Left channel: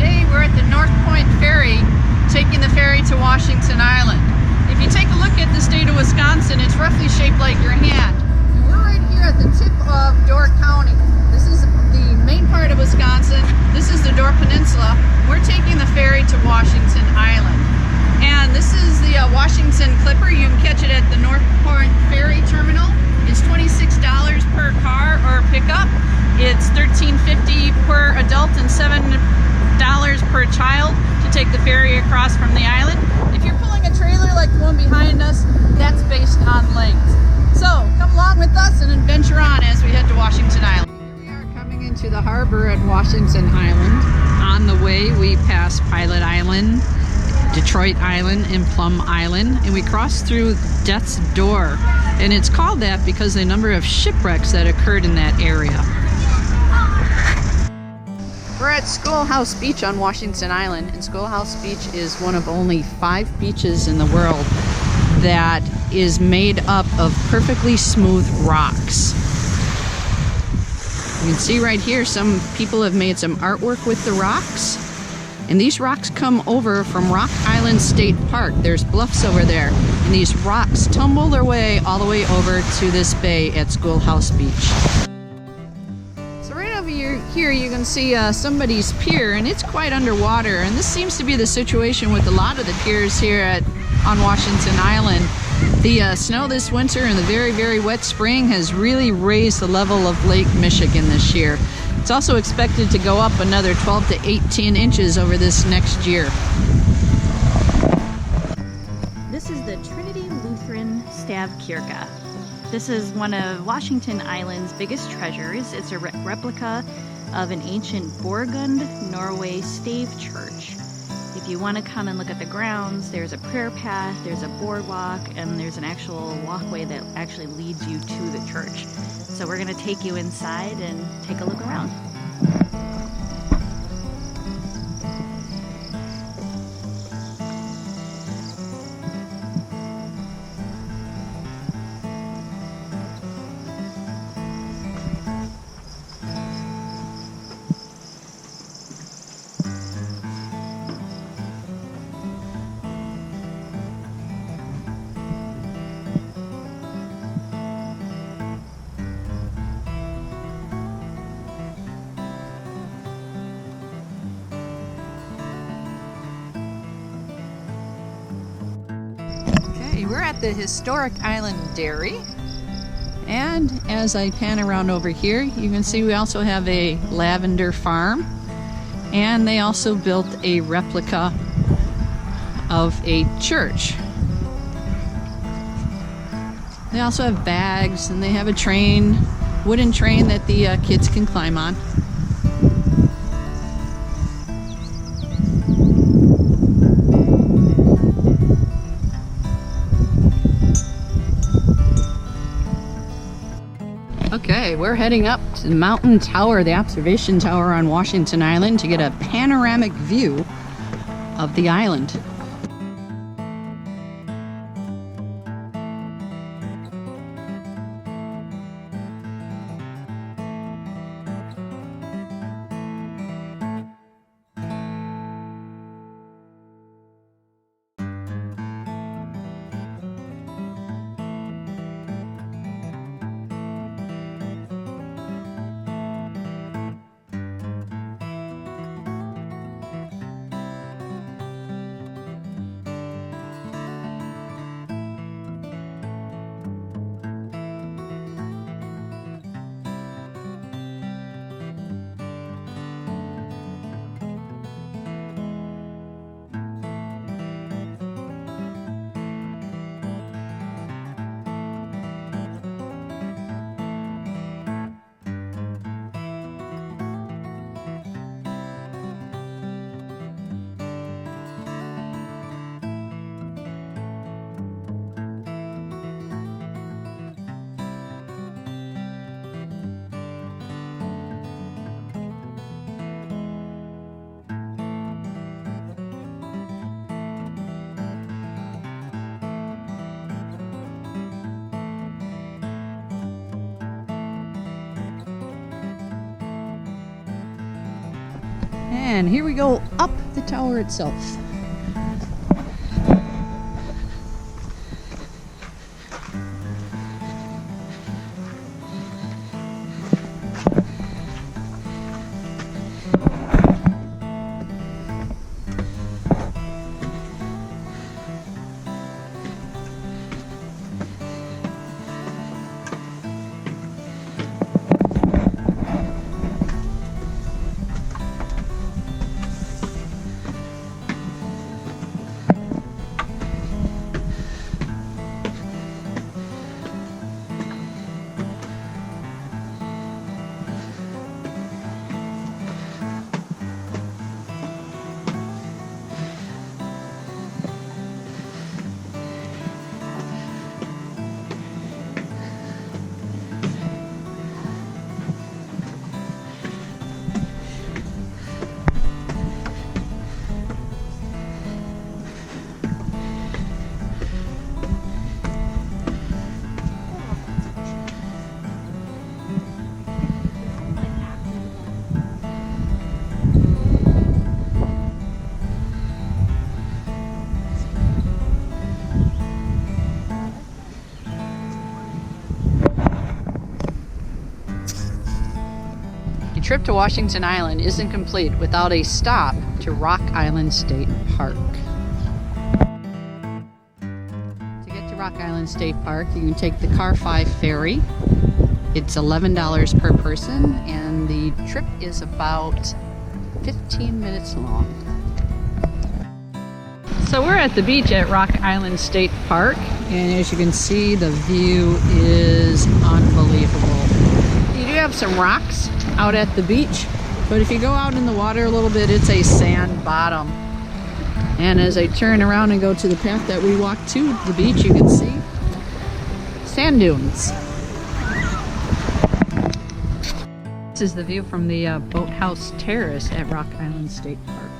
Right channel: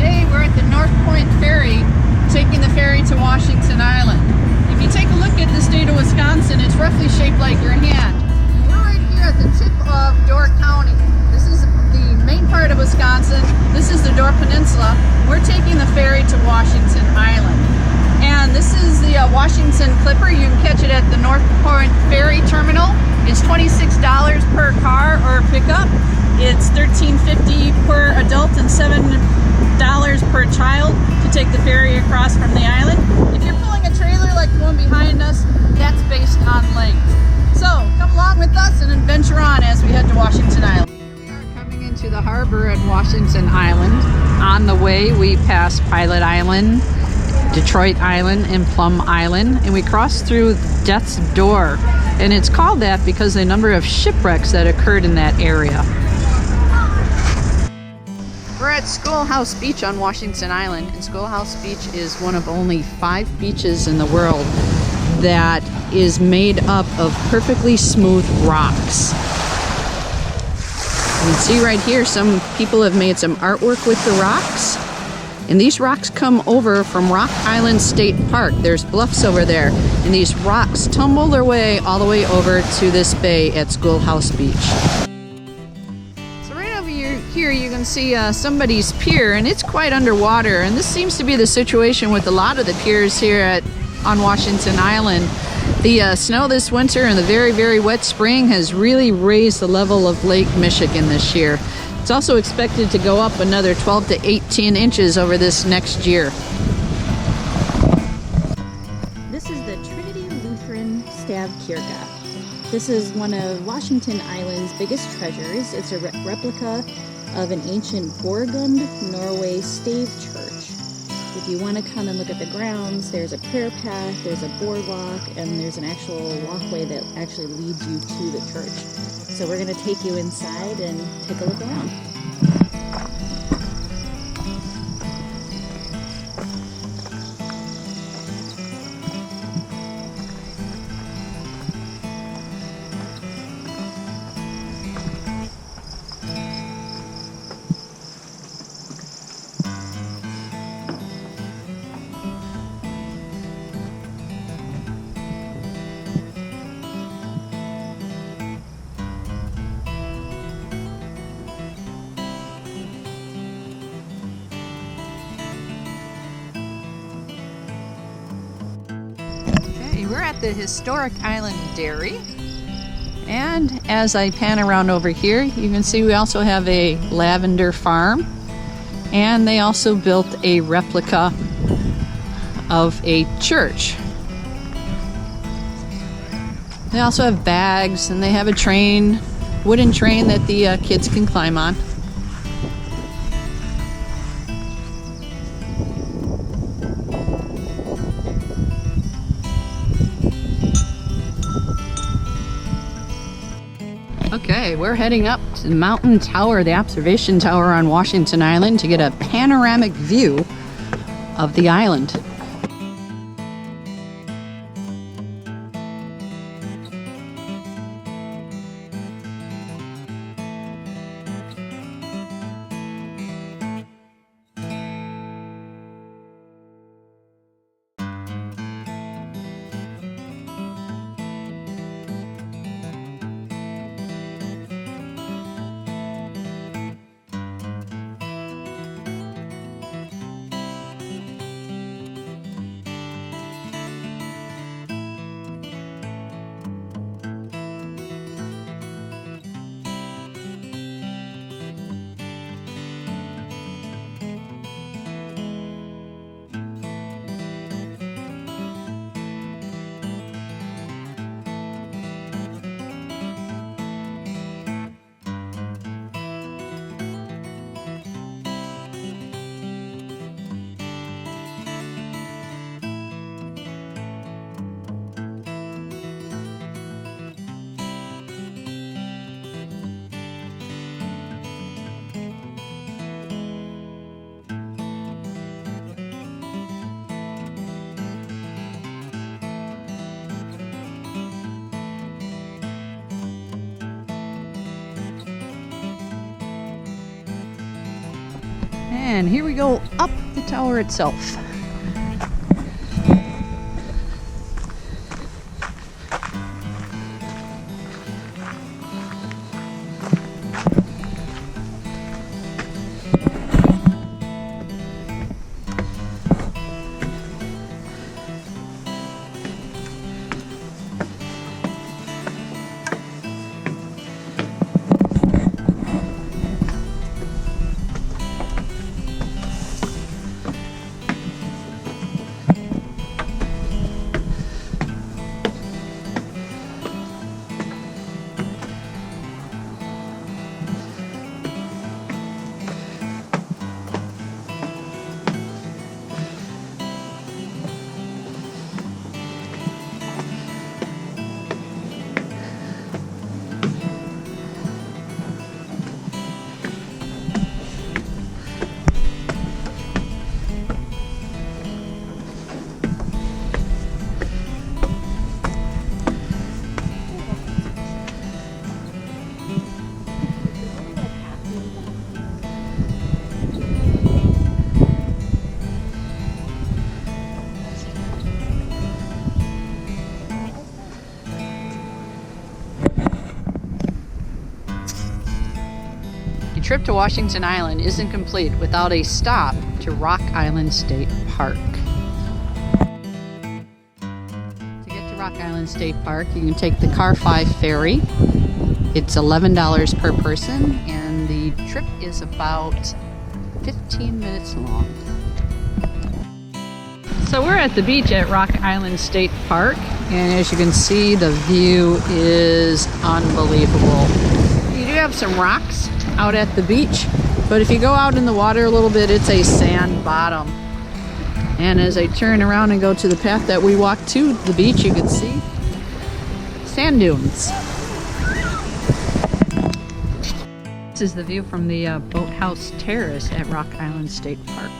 Today we're at the North Point Ferry, taking the ferry to Washington Island. If you take a look at the state of Wisconsin, it's roughly shaped like your hand. And we're right here at the tip of Door County. This is the main part of Wisconsin. This is the Door Peninsula. We're taking the ferry to Washington Island. And this is the Washington Clipper. You can catch it at the North Point Ferry Terminal. It's $26 per car or pickup. It's $13.50 per adult and $7 per child to take the ferry across from the island. If you're pulling a trailer like the one behind us, that's based on length. So come along with us and adventure on as we head to Washington Island. Here we are coming into the harbor at Washington Island. On the way we pass Pilot Island, Detroit Island, and Plum Island, and we cross through Death's Door. And it's called that because of the number of shipwrecks that occurred in that area. We're at Schoolhouse Beach on Washington Island, and Schoolhouse Beach is one of only 5 beaches in the world that is made up of perfectly smooth rocks. You can see right here some people have made some artwork with the rocks, and these rocks come over from Rock Island State Park. There's bluffs over there, and these rocks tumble their way all the way over to this bay at Schoolhouse Beach. Here you can see somebody's pier, and it's quite underwater, and this seems to be the situation with a lot of the piers here on Washington Island. The snow this winter and the very, very wet spring has really raised the level of Lake Michigan this year. It's also expected to go up another 12 to 18 inches over this next year. This is the Trinity Lutheran Stavkirke. This is one of Washington Island's biggest treasures. It's a replica of an ancient Borgund, Norway stave church. If you want to come and look at the grounds, there's a prayer path, there's a boardwalk, and there's an actual walkway that actually leads you to the church. So we're going to take you inside and take a look around. We're at the historic Island Dairy, and as I pan around over here, you can see we also have a lavender farm, and they also built a replica of a church. They also have bags, and they have a train, wooden train that the kids can climb on. Okay, we're heading up to the mountain tower, the observation tower on Washington Island, to get a panoramic view of the island. And here we go up the tower itself. A trip to Washington Island isn't complete without a stop to Rock Island State Park. To get to Rock Island State Park, you can take the Car 5 ferry. It's $11 per person, and the trip is about 15 minutes long. So we're at the beach at Rock Island State Park, and as you can see, the view is unbelievable. You do have some rocks out at the beach, but if you go out in the water a little bit, it's a sand bottom. And as I turn around and go to the path that we walked to the beach, you can see sand dunes. This is the view from the boathouse terrace at Rock Island State Park.